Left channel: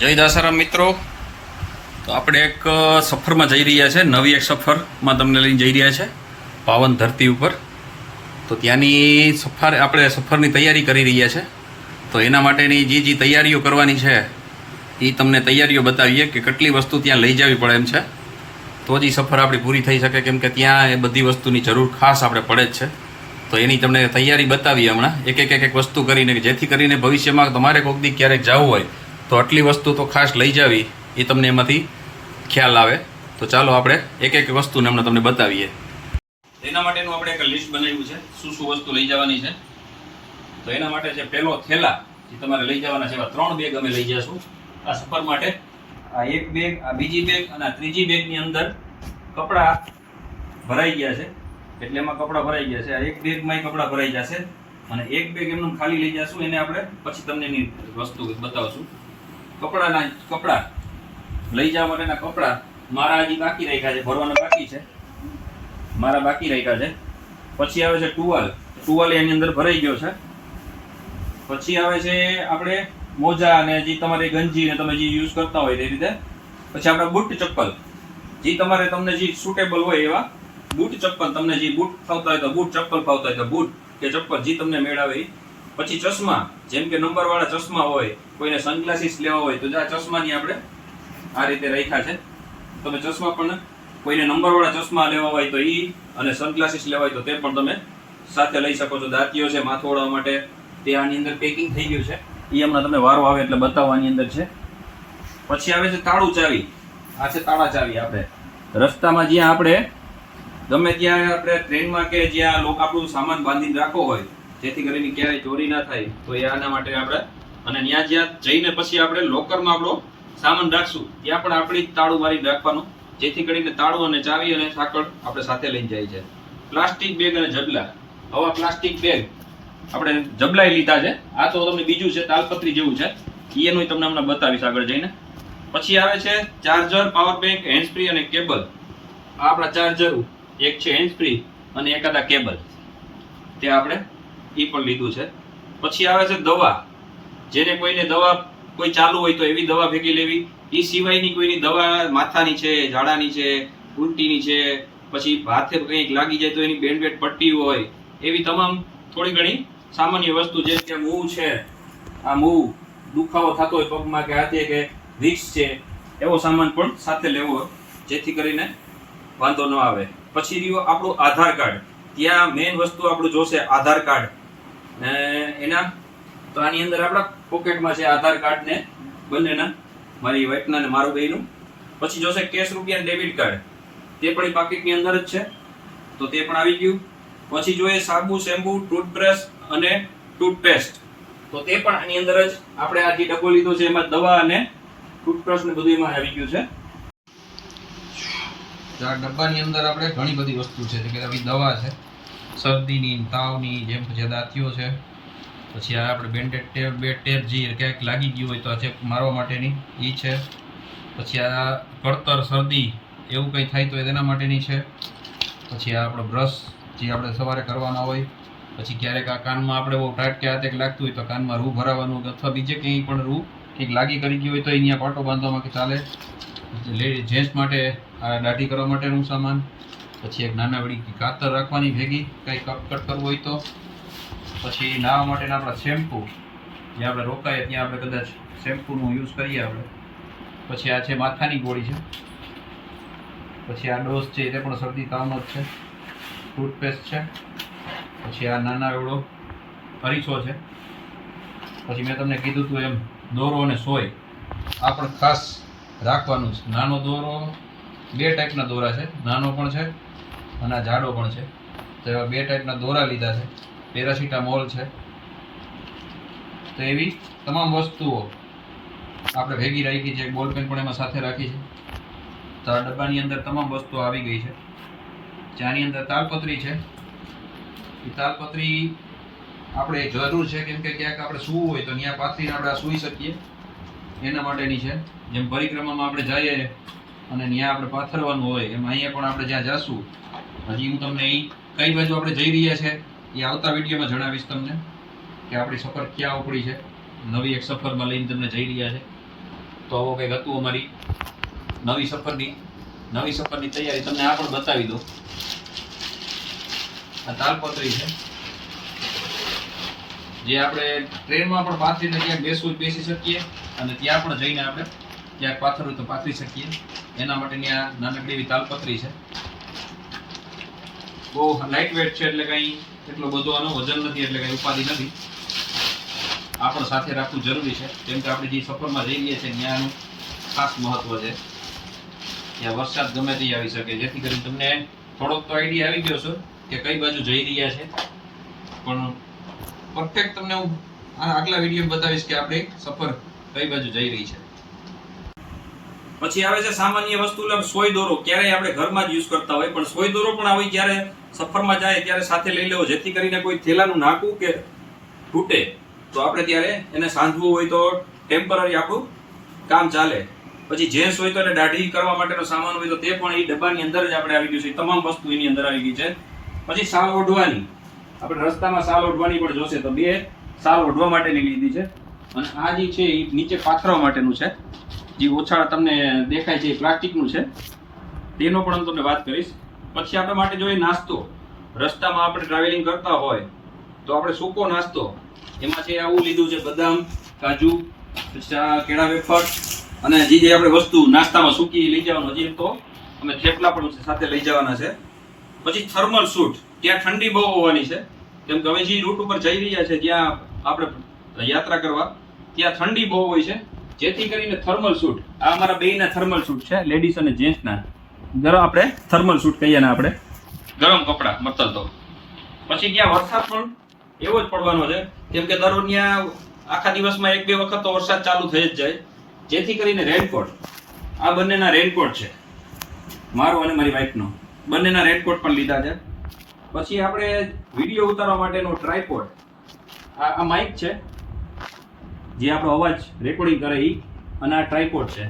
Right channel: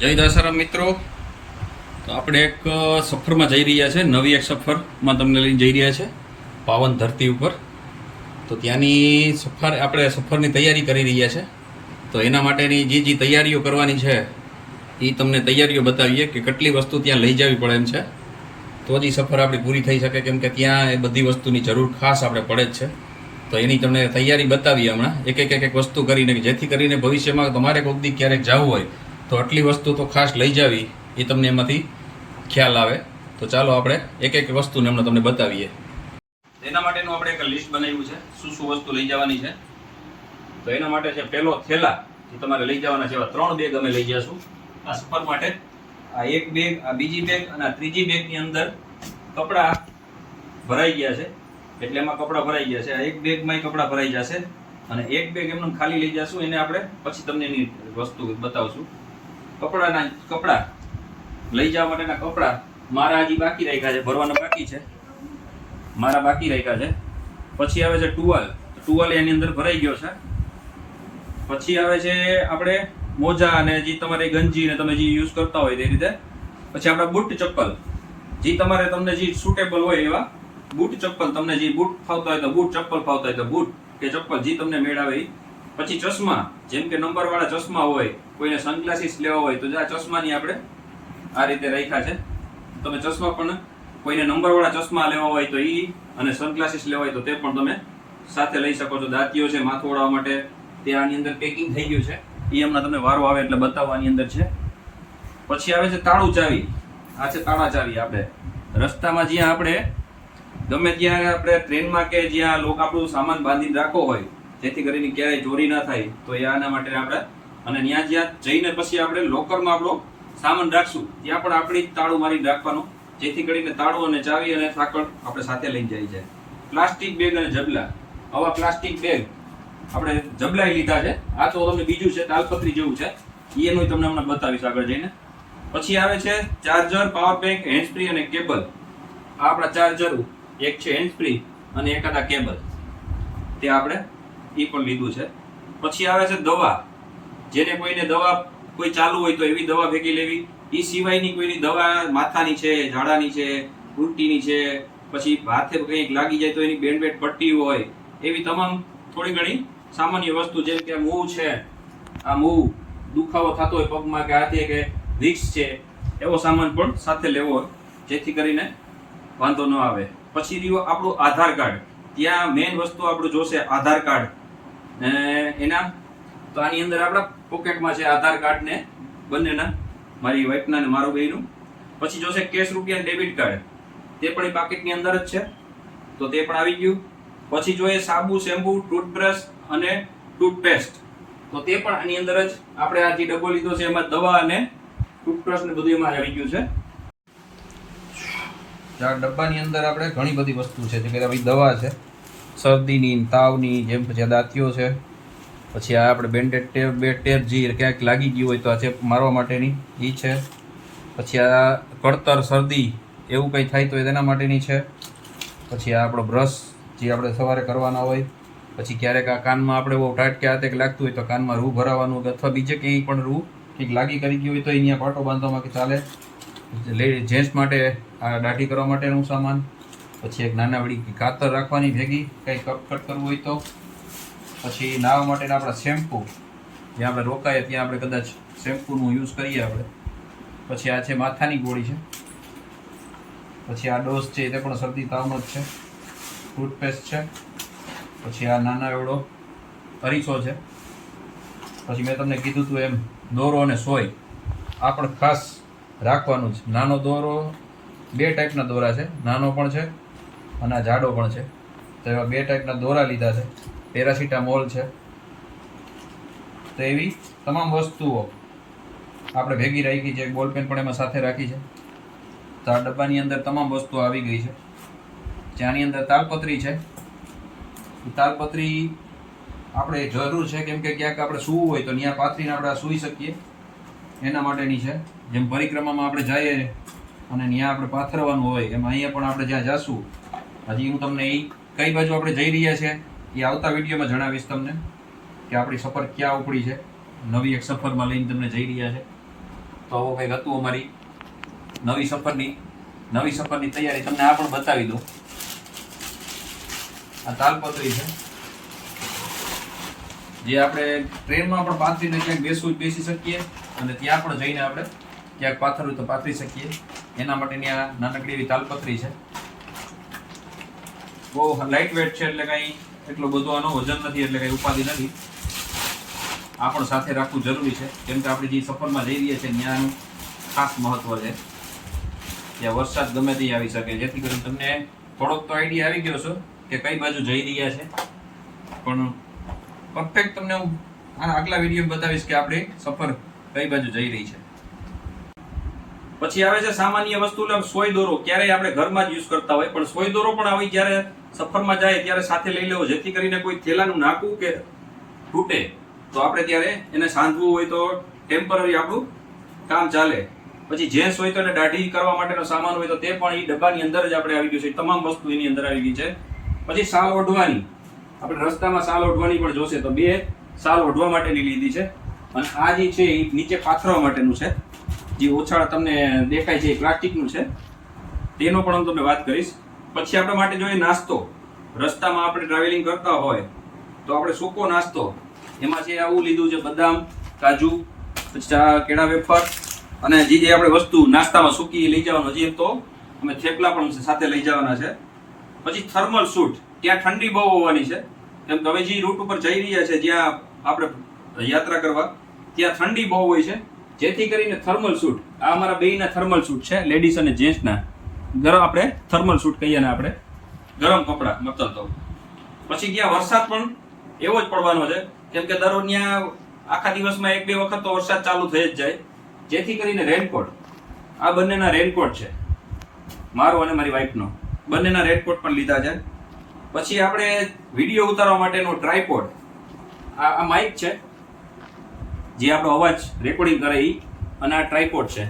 જય દાસારામ મિત્રો. તો આપણે એક સફરમાં જઈ રહ્યા છે. નવી એક સફરમાં તમને લઈને જઈ રહ્યા છે પાવન ધરતી ઉપર. તો ત્યાંની સફરની તૈયારી કરી રહ્યા છે. તો એના માટેની જે તૈયારીઓ કરવાની છે એ તમને તૈયારીઓ બતાવીએ કે કેટલી વસ્તુ ત્યાં લઈ જવી પડે એમ છે. તો જ સફર આપણી પૂરી થઈ શકે, કેમ કે ત્યાં એ બધી વસ્તુની જરૂર ખાસ આપણે પડે જ છે. તો એની તમને તૈયારી બતાવીએ હમણાં એક વસ્તુ કરીને, જેથી કરીને ભવિષ્યમાં તમારે કોઈક દી ક્યારેક જવું હોય તો આટલી વસ્તુ તો ખાસ લઈ જાવી, એ તમને એમાંથી ખ્યાલ આવે. તો ચાલો આપણે એક વસ્તુને હમણાં તમને બતાવીએ. એના માટેનું આપણે એક લિસ્ટ બનાવ્યું છે, શું શું વસ્તુ લઈ જવાની છે. તો એના માટે છે પહેલો થેલા, જે તમારે લઈ જવાના છે. એવા 3 બેગ અમે લઈ જઈશું આ સફર માટે. આ એક બેગ, આ બીજી બેગ અને આ ત્રીજી બેગની અંદર કપડાં ભરાઈ ગયા છે, એટલે એમાં કપડાં ભરાઈ ગયા છે. આ એક બેગમાં કપડાં ભરાઈ જશે અને એક બેગ એમને ખાલી લઈ જશું. એને આપણે પછી તમને એની વસ્તુ બતાવશું. કપડાં લઈ જવા માટેના કપડાં મારા હજી બાકી રાખ્યા છે, ભરવાના બાકી છે, મારા બાકી રાખ્યા છે. પછી આવે છે ટુવાલ એની અંદર ભરાઈ ગયો છે. પછી આવે છે આપણે મોજા અને જે તમારે ગંજી ને તમે જે યુઝ કરતા હોય તે રીતે. પછી આપણા બૂટ ચપ્પલ, જે તમને જે સુટેબલ હોય એવા બૂટ ચપ્પલ, તમને જે બૂટ ફાવતા હોય તો બૂટ, ચપ્પલ ફાવતા હોય તો બૂટ કે ચપ્પલ, જે તમને મેળાવે. પછી ચશ્મા, જેમ કે નંબરવાળા ચશ્મા હોય, કોઈને સનગ્લાસીસ લેવા હોય તો આ ચશ્માની આપણે આ રીતે રાખ્યા છે. તમે ચશ્મા પણ કોઈને નંબરવાળા ચશ્મા લેવા હોય તો એ, અને સનગ્લાસીસ લેવા હોય તો તે પણ તમે સાથે લઈ શકો છો. દાંતીઓ છે માથું ઓળાવવા માટે, તે આની અંદર પેકિંગ થઈ ગયું છે. એ હમણાં તમને વારો આવે એટલે બતાવવાની અંદર છે. પછી આવે છે તાળું ચાવી. આ છે તાળા ચાવી. આપણે રસ્તામાં જ્યાં આપણે ગમે ત્યાં આપણે ટ્રેનમાં કે જ્યાં લોકો આપણું સામાન બાંધીને રાખવો હોય, જેથી કરીને ક્યારેય ચોરી ના થાય, તો એ આના માટે આપણે, અને જ્યાં જઈને પછી આપણે લોકરમાં આપણો સામાન રાખશું ત્યાં પણ આપણે તાળું મારીને રાખવાનું, જેથી કરીને તાળું અને ચાવી અને સાંકળ આપણે સાથે લઈને જાય છે. પ્લાસ્ટિક બેગ અને જબલા. આવા પ્લાસ્ટિક બેગ આપણે જબલાઈ લીધા છે. આ તો તમને બીજું છે, તાલપત્રી જેવું છે, એનું તમને હમણાં બતાવીશ આગળ જઈને. પછી આવે છે charger, power bank, hand free અને કેબલ. આ આપણા ચાર્જર, એક છે હેન્ડ ફ્રી અને એકાદા કેબલ, તે આપણે એ પણ લીધું છે. પછી આવે છે દવા, જેને કોઈને દવા કોઈ ચાલુ હોય તો એવી દવા ભેગી લેવી. એ સિવાયની કોઈની દવા માથાની છે, ઝાડાની છે, ઉલટીની છે, પછી હાથે કંઈક લાગી જાય તો એની બેન્ડ પટ્ટી હોય, એવી તમામ થોડી ઘણી સામાન્ય વસ્તુ, જેમ કે મૂવ છે, આ મૂવ દુખાવો થતો હોય પગમાં કે હાથે, કે વિક્સ છે, એવો સામાન પણ સાથે લેવો, જેથી કરીને વાંધો ન આવે. પછી રહ્યું આપણું આધાર કાર્ડ. ત્યાં મેઇન વસ્તુ આપણું જોશે આધાર કાર્ડ. એના તો આની અંદર આપણા પોકેટમાં છે આધાર કાર્ડ ને બંનેના, મારી વાઈફના ને મારું બેયનું. પછી જોશે કેશ રૂપિયા ડેબિટ કાર્ડ, તે પણ એ પાકીટની અંદર જ છે, તો તે પણ આવી ગયું. પછી જોઈએ સાબુ, શેમ્પુ, ટૂથબ્રશ અને ટૂથપેસ્ટ, તો તે પણ આની અંદર જ. આપણે આ જે ડબ્બો લીધો છે એમાં દવા અને ટૂથબ્રશ ને બધું એમાં આવી ગયું છે. આ ડબ્બાની અંદર આપણે ઘણી બધી વસ્તુ છે, જેમ કે દવા છે શરદીની, તાવની, જેમ પછી દાંતીઓ છે. પછી આ આપણે બેન્ડેડ ટેપ જે ક્યાંક લાગી ગયું હોય તો આ ચેપ મારવા માટેની એ છે. પછી આ કળતર, શરદી એવું કંઈ થાય તો એના માટેની છે. પછી આ આપણો બ્રશ, જે આપણે સવારે કરવાના હોય. પછી ક્યારેક આ કાનમાં આપણે બહુ ટાઈટ કે હાથે લાગતું હોય તો કાનમાં રૂ ભરાવાનું, અથવા બીજે ક્યાંય પણ રૂ કંઈક લાગી કરી ગયું હોય તો અહીંયા પાટો બાંધવામાં કે ચાલે. જેન્ટ્સ માટે આ દાઢી કરવા માટેનું સામાન. પછી એક નાનાવડી કાતર રાખવાની ભેગી, કંઈ કટ કરવું હોય તો. પછી નાહવા માટેના આપણા શેમ્પૂ, જ્યાં આપણે રોકાઈએ ત્યાં આપણે કદાચ શેમ્પૂનું યુઝ કરીએ આપણે. પછી આ છે માથાની ગોળી છે. પછી આ ડોઝ છે, તે પણ શરદી તાવનો જ છે. ટૂથપેસ્ટ છે. પછી આ નાના એવડો અરીસો છે. પછી મેં તમને કીધું હતું એમ દોરો અને સોય આ પણ ખાસ રાખવાનું છે. નાનો દોરો, 2 ટાઈપના દોરા છે, નાનો પણ છે અને આ જાડો પણ છે. તો એવા 2 ટાઈપના દોરા લીધા છે. પેરાસિટામોલ છે. તો એવી તમામ વસ્તુઓ આપણે ભેગી રાખી છે. એક બોલપેન પણ એમાં સાથે રાખી છે. તો આ ડબ્બાની અંદર તમામ વસ્તુઓ આવી ગઈ છે. જ્યાંની અંદર તાલપત્રી છે, એ તાલપત્રી આપણે જરૂર છે, કેમ કે ક્યાંક આપણે સૂવું હોય તો ત્યાં પાથરીને આપણે સૂઈ શકીએ, એના માટેની છે. જેમ પરિક્રમામાં આપણે જઈએ અને ત્યાં આપણે પાથરવાનું હોય, એમ અહીંયા પણ આપણે જ્યાં જશું, હજી હું તમને એ કઈ બાજુ આપણે જઈ રહ્યા છે એ આવતા વિડીયોમાં જણાવીશ તમને, કે આપણી સફર ક્યાં ઉપડી છે. નવી એક સફરમાં લઈને તમને જઈ રહ્યા છે. તો આવો કંઈક હતું અમારી નવી સફરની તૈયારી. તમને આ પણ બતાવી દો. આ તાલપત્રી છે જે આપણે ટ્રેનમાં પણ પાથરીને ક્યાંક બેસી શકીએ અને ત્યાં પણ જઈને આપણે ક્યાંક પાથરવું તો પાથરી શકીએ. એના માટેની આ નાનકડી એવી તાલપત્રી છે. બહુ લાઇટ વેટ છે, એટલે કંઈ એટલો બધો આનો વજન નથી, એટલે કંઈ ઉપાધિ નથી. આ પણ સાથે રાખવું જરૂરી છે, કેમ કે આપણે જે સફરમાં જઈ રહ્યા છીએ ત્યાંનું ખાસ મહત્વ છે. ત્યાં વરસાદ ગમે તે આવી શકે, જેથી કરીને તમને થોડોક તો આઈડિયા આવી ગયો છો કે કઈ બાજુ જઈ રહ્યા છે. પણ પરફેક્ટ તમને હું આગલા વિડીયો બતાવીશ કે આપણે સફર કઈ બાજુ જઈ રહી છે. પછી આવે છે સામાન્ય વસ્તુ, સોય દોરો. ક્યારેય આપણે ઘરમાં જ યુઝ કરતા હોય, પણ સોય દોરો પણ આવી જ્યારે સફરમાં જાય ત્યારે સાથે લઈ લેવો, જેથી કરીને કોઈ થેલાનું નાકું કે તૂટે તો આપણે ત્યારે એને સાંધવું હોય તો ટેમ્પરરી આપણું કામ ચાલે. પછી જેન્ટ્સ હોય તો એને દાઢી કરવા માટેનો સામાન હોય તો તે પણ એ ડબ્બાની અંદર જ આપણે આવી ગયું છે. તમામ વસ્તુ એની અંદર આવી ગઈ છે. પછી સાલ ઓઢવાની, આપણે રસ્તામાં સાલ ઓઢવાની પણ જોશે તો 2 સાલ ઓઢવા માટેની લીધી છે. અને આ જે છે એ નીચે પાથરવા માટેનું છે. જે ઓછાળ તમને દેખાય છે એ પ્લાસ્ટિકનું છે, તેનો પણ હું તમને વાત કરીશ. પછી આપણા માટે જોઈએ નાસ્તો. રસ્તામાં આપણે ટ્રાવેલિંગ કરતા હોય તો આપણે સૂકો નાસ્તો, એમાં છે આવું લીધું છે બદામ, કાજુ, પછી કેળા વેફર અને જે આપણે વસ્તુ નાસ્તામાં સૂકી લઈ જવાનું. હજી તો અમે થેપલા પણ સાથે લઈ જવાના છે. પછી થર્મલ સૂટ. ત્યાં ઠંડી બહુ હોવાની છે, કેમ કે હવે જે રૂટ ઉપર જઈ રહ્યા છે જ્યાં આપણે યાત્રા કરવા ત્યાં ઠંડી બહુ હોય છે, જેથી કરીને થર્મલ સૂટ. આ અમારા બેયના થર્મલ સૂટ છે, લેડીઝ અને જેન્ટ્સના. ગરમ આપણે થર્મલ સૂટ કહીએ ને, આપણે ગરમ કપડાં મતલબ. તો પછી ત્યાં વરસાદ પણ એવો જ પડવાનો છે, કેમ કે દર ત્યાં આખા દિવસમાં 1-2 વખત તો વરસાદ ચાલુ થઈ જ જાય, જેથી કરીને રેનકોટ. આ બંનેના રેનકોટ છે, મારો અને મારી વાઈફનો. બંનેના રેનકોટ પણ લીધા છે. પછી આપણે વિડીયો ઉતારવા માટેનો ટ્રાયપોડ. આ માઇક છે જે આપણો અવાજ રેકોર્ડિંગ કરે એ, અને આ ટ્રાયપોડ છે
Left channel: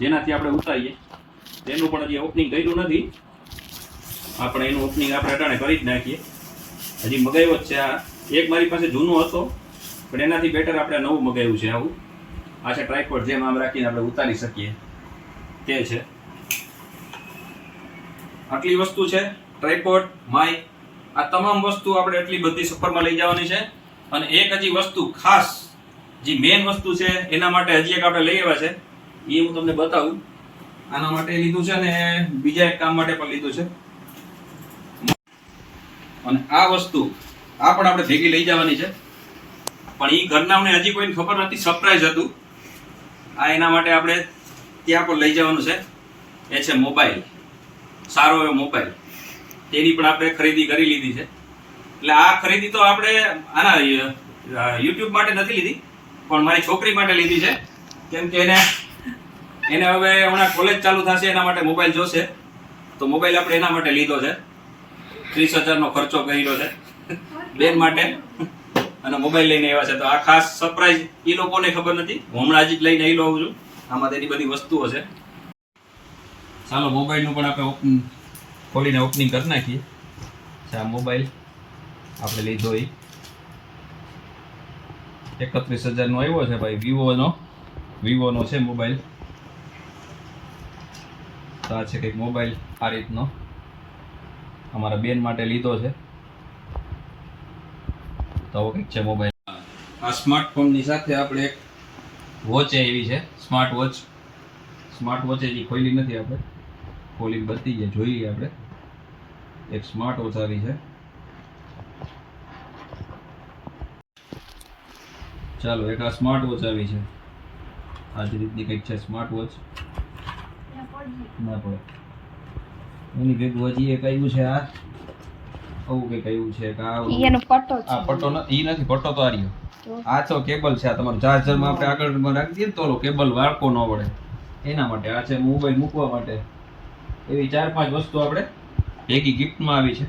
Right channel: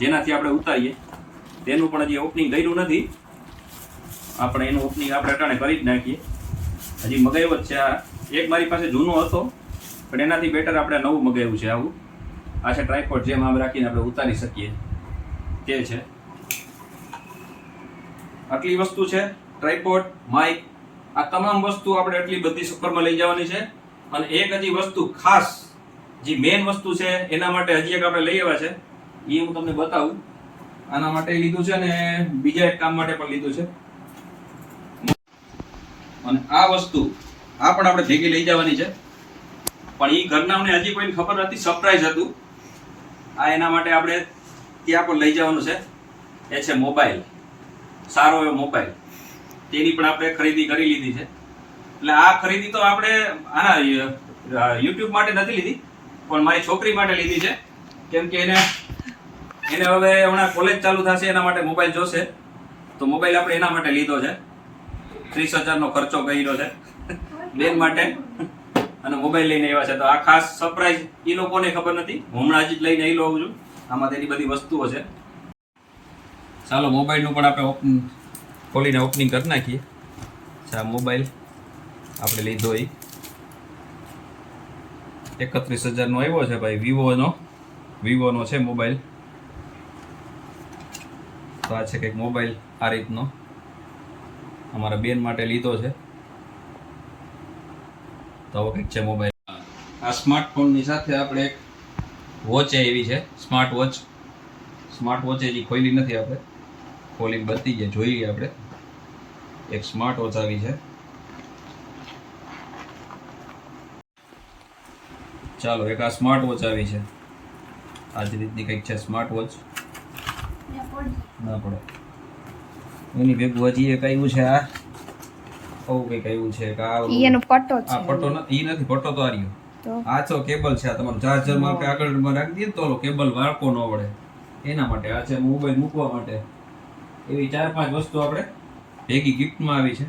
જેનાથી આપણે ઉતારીએ. તેનું પણ હજી ઓપનિંગ કર્યું નથી. આપણે એનું ઓપનિંગ આપણે અટાણે કરી જ નાખીએ. હજી મગાવ્યો જ છે. આ એક મારી પાસે જૂનો હતો, પણ એનાથી બેટર આપણે નવું મગાવ્યું છે. આવું આ છે ટ્રાયપોડ, જેમ આમ રાખીને આપણે ઉતારી શકીએ તે છે. આટલી વસ્તુ છે, ટ્રાયપોડ, માઇક. આ તમામ વસ્તુ આપણે એટલી બધી સફરમાં લઈ જવાની છે. અને એક હજી વસ્તુ ખાસ, જે મેઇન વસ્તુ છે એના માટે હજી એક આપણે લઈ આવ્યા છે, એ હું તમને બતાવું. આના માટે લીધું છે અને બીજા એક કામ માટે પણ લીધું છે. અને આ વસ્તુ આ પણ આપણે ભેગી લઈ જવાની છે, પણ એ ઘરનાઓને હજી કોઈને ખબર નથી, સરપ્રાઈઝ હતું. આ એના માટે આપણે ત્યાં પણ લઈ જવાનું છે. એ છે મોબાઈલ, સારો એવો મોબાઈલ. તેની પણ આપણે ખરીદી કરી લીધી છે. એટલે આ ખરીદી તો આપણે આના યુટ્યુબ માટે નથી લીધી, પણ મારી છોકરી માટે લીધી છે, કેમ કે એને હવે હમણાં કોલેજ ચાલુ થશે, એના માટે મોબાઈલ જોશે. તો મોબાઈલ આપણે એના માટે લીધો છે. 30,000નો ખર્ચો કર્યો છે બેન માટે, અને મોબાઈલ લઈને આવ્યા છે. તો આ ખાસ સરપ્રાઈઝ એ લોકોને ખબર નથી, હું હમણાં જ લઈને આવી લઉં છું. આમાં તેની બધી વસ્તુઓ છે. ચાલો મોબાઈલનું પણ આપણે ખોલીને ઓપનિંગ કરી નાખીએ. આ મોબાઈલ આપણે લીધો એ 31,000નો આવ્યો છે ભાઈ, વિવોનો છે મોબાઈલ. તો આ છે કંઈક મોબાઈલ આ રીતનો, અમારા બેન માટે લીધો છે. તો આવો કંઈક છે મોબાઈલ. આ સ્માર્ટફોનની સાથે આપણે એક વોચ એવી છે, સ્માર્ટ વોચ હજી ખોલી નથી. આપણે ખોલીને બધી જાય જોઈએ. આપણે એક સ્માર્ટ વોચ આવી છે. ચાલો, એક આ સ્માર્ટ વોચ આવી છે. આ જ રીતની કંઈક છે સ્માર્ટ વોચ. ના પડે એની ભેગું હજી એક આવ્યું છે. આ આવું કંઈક આવ્યું છે. એનો પટ્ટો છે. આ પટ્ટો નથી, પટ્ટો તો આ રહ્યો. આ તો કેબલ છે. આ તમારું ચાર્જરમાં આપણે આગળ રાખી દઈએ તો કેબલ વાળકો ન વળે એના માટે. આ છે મોબાઈલ મૂકવા માટે. એવી 4-5 વસ્તુ આપણે ભેગી ગિફ્ટમાં આવી છે.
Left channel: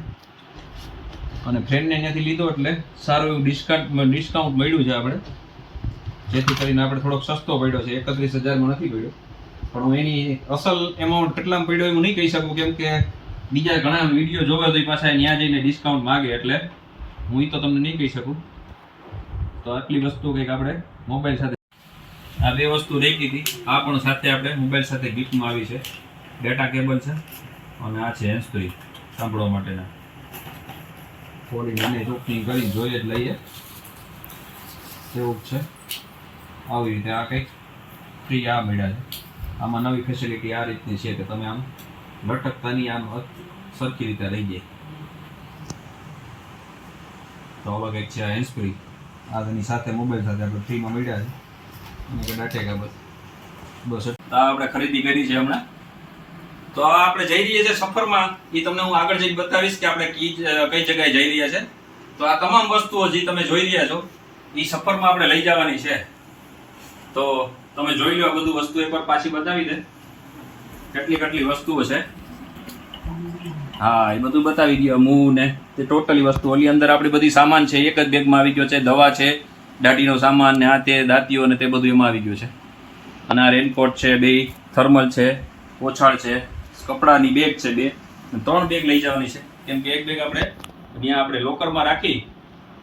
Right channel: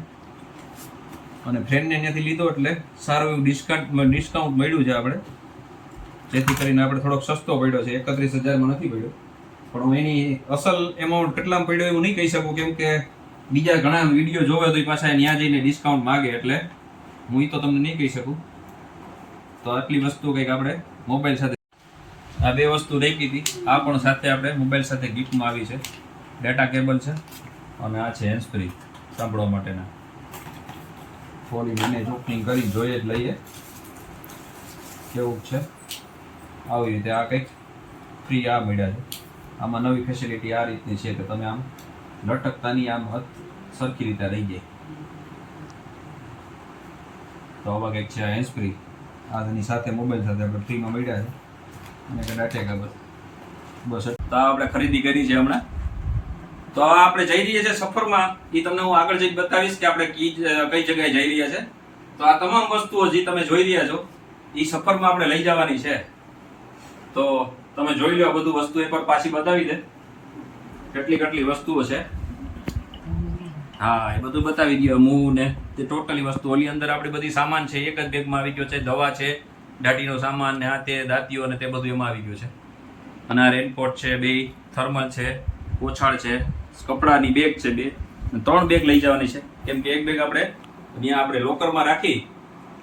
અને ફ્રેન્ડને ત્યાંથી લીધો એટલે સારું એવું ડિસ્કાઉન્ટ મળ્યું છે આપણે, જેથી કરીને આપણે થોડોક સસ્તો પડ્યો છે. 31,000માં નથી પડ્યો, પણ હું એની અસલ એમાઉન્ટ કેટલામાં પડ્યો એવું નહીં કહી શકું, કેમ કે બીજા ઘણા વિડીયો જોવે તો એ પાછા ત્યાં જઈને ડિસ્કાઉન્ટ માગે, એટલે હું એ તો તમને નહીં કહી શકું. તો આટલી વસ્તુ કંઈક આપણે મોબાઈલ સાથે. આ બે વસ્તુ રાખી હતી. આ પણ સાથે આપણે મોબાઈલ સાથે ગિફ્ટમાં આવી છે. ડેટા કેબલ છે અને આ છે હેન્ડ ફ્રી સાંભળવા માટેના. ખોલીને એને ઓપનિંગ કરી જોઈએ જ લઈએ કેવું છે. આવી રીતે આ કંઈક ફ્રી આ મળ્યા છે. આમાં નવી ફેસિલિટી આ રીતની છે કે તમે આમ લટકતાની આમ સરખી રીતે રહી જાય. તો આવા કંઈક છે આ હેન્ડ ફ્રી. આની સાથે મોબાઈલ સાથે આપણે ફ્રીમાં મળ્યા છે અને કે ડાટા કેબલ. બસ તો આપણે ખરીદી કરી છે હમણાં. તો આપણે જઈ રહ્યા છે સફરમાં. એ તમને હું આગળ જઈને બતાવીશ કે આપણે કઈ જગ્યાએ જઈ રહ્યા છે. તો આ તમામ વસ્તુઓ જે તમે જોઈ રહ્યા છો એ સફરમાં આપણે લઈ જવાની છે. તો તમે જોઈ લો. આ બધું વસ્તુ એકવાર પાછી બતાવી દે કેટલી વસ્તુઓ છે. હા, એ બધું બતાવી દો. મૂવ ને તે ટોટલી વસ્તુ ઓલી અંદર આપણી બધી સામાન છે એક જ બેગમાં આવી ગયો છે. દવા છે, દાઢીનો સામાન ને આ તે દાંતીઓ ને તે બધું એમાં આવી ગયું છે. અને આ રેનકોટ છે, બે થર્મલ છે, ઓછાળ છે, કપડાની બેગ છે, 3 બેગ લઈ જવાની છે. કેમ કે એક બેગ આપણે ત્યાં આપણે લોકરમાં રાખી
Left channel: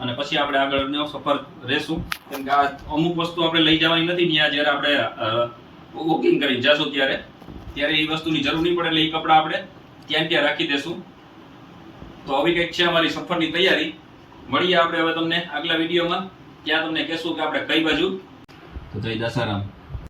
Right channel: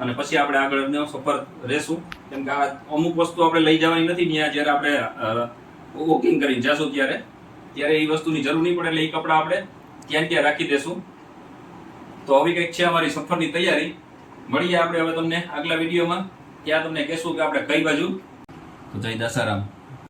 અને પછી આપણે આગળનો સફર રહેશું. કેમ કે આ અમુક વસ્તુ આપણે લઈ જવાની નથી. ત્યાં જ્યારે આપણે વોકિંગ કરીને જશું ત્યારે એ વસ્તુની જરૂર નહીં પડે. એટલે એ કપડાં આપણે ત્યાં રાખી દેશું. તો આવી કંઈક છે અમારી સફરની તૈયારી. મળીએ આપણે હવે તમને આગલા વિડીયોમાં. ત્યાં તમને કહેશું કે આપણે કઈ બાજુ. તો જય દસારામ.